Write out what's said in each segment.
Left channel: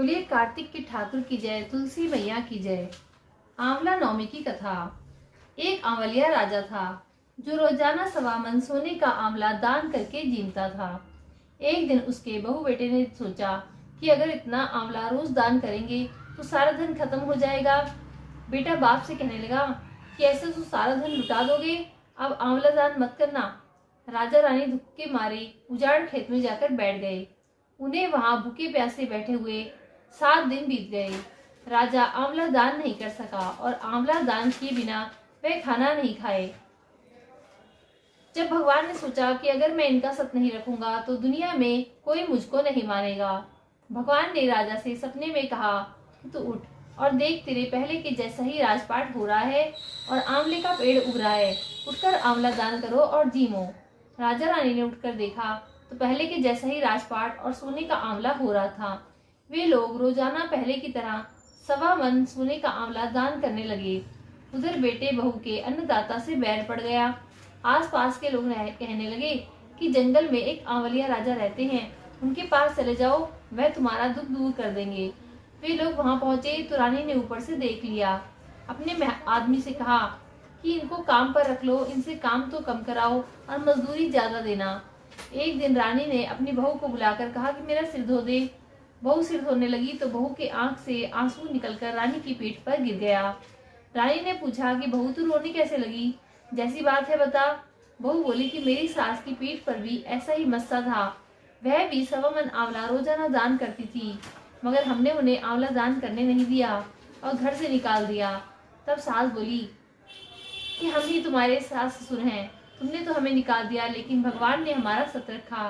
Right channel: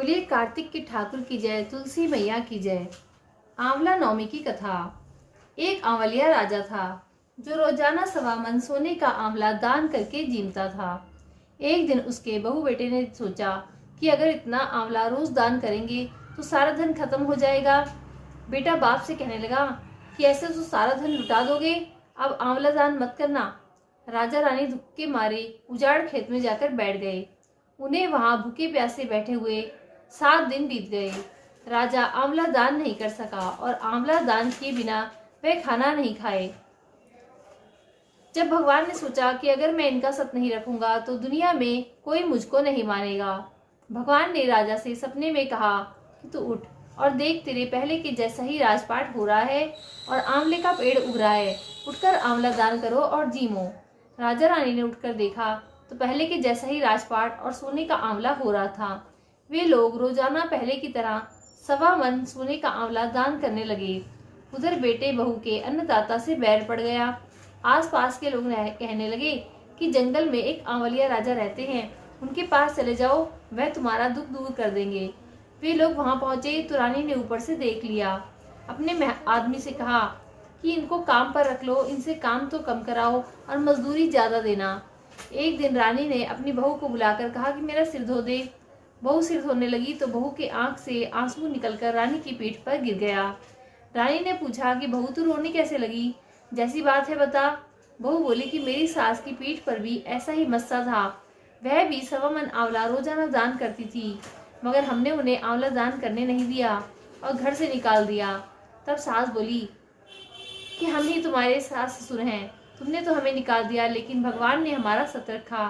बोलिए कार्तिक के ठाकुर की जय, तुलसी मैया की जय। आंवला नवमी की कथा। एक आंवलिया राजा था जो रोजाना 1.25 मन सोने का आंवला दान करके जीता था। एक दिन उसके बहू बेटे ने सोचा कि अगर इतना आंवला रोज दान करेंगे तो सारा धन खत्म हो जाएगा। बेटा बाप से कहने लगा कि ऐसे तो सारा धन लुटा दोगे, अब आंवला दान मत करना। राजा रानी दुख के मारे उजाड़ खेत में जाकर बैठ गए। उन्हें वहां भूखे प्यासे बैठे हुए 7 दिन बीत गए। राजा आंवला दान नहीं कर सका और आंवला दान किए बिना वह खाना नहीं खाए। जब भगवान ने सोचा कि अगर मैं इनका सत नहीं रखूंगा तो दुनिया में कोई मुझको नहीं मानेगा। भगवान ने राजा से सपने में कहा कि तू उठ और देख, तेरे पहले के जैसा ही राजपाट हो रहा है और आंवले का पेड़ उग रहा है। उठकर आंवला दान करो और जीमो। राजा रानी ने उठकर देखा तो पहले के जैसा ही राजपाट और सोने का आंवला हो रहा था। वे लोग रोजाना पहले की तरह 1.25 मन सोने का आंवला दान करने लगे। उधर बेटे बहू के अन्नदाता से बैर पड़ गया। आसपास के लोग कहने लगे कि जंगल में एक आंवलिया राजा रहते हैं, उनके पास चले जाओ, वह तुम्हारा दुख दूर कर देंगे। वे लोग वहां पहुंचे तो रानी ने ऊपर से देख लिया। अपने आदमी से कहा कि इनको काम पर रख लो, इनसे काम तो कम कराओ और मजदूरी ज्यादा देना। एक दिन रानी ने अपनी बहू को बुलाकर कहा कि मेरा सिर धो दे। बहू सिर धोने लगी तो बहू के आंख से आंसू निकलकर रानी की पीठ पर गिर गया। रानी ने पूछा कि बहू तू रोने कैसे लगी, जैसी बात है बता। बहू बोली कि मेरी सास की पीठ पर भी ऐसा ही मस्सा था, वह भी 1.25 मन आंवला रोजाना दान करती थी, मगर हमने उन्हें आंवला दान करने नहीं दिया और घर से निकाल दिया। तब सास बोली कि हम ही तुम्हारे सास ससुर हैं, तुमने तो हमें निकाल दिया, लेकिन भगवान ने हमारा सत रखा।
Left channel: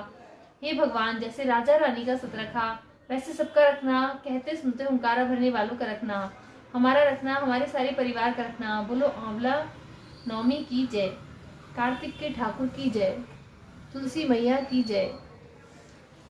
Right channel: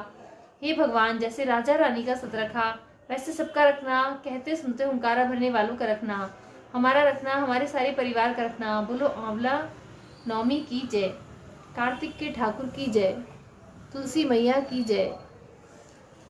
हे भगवान, जैसे राजा रानी का सत रखा वैसे सबका रखना, कहते सुनते हुंकारा भरने वालों का रखना, हमारा रखना, हमारे सारे परिवार का रखना। बोलो आंवला नवमी की जय, कार्तिक के ठाकुर की जय, तुलसी मैया की जय।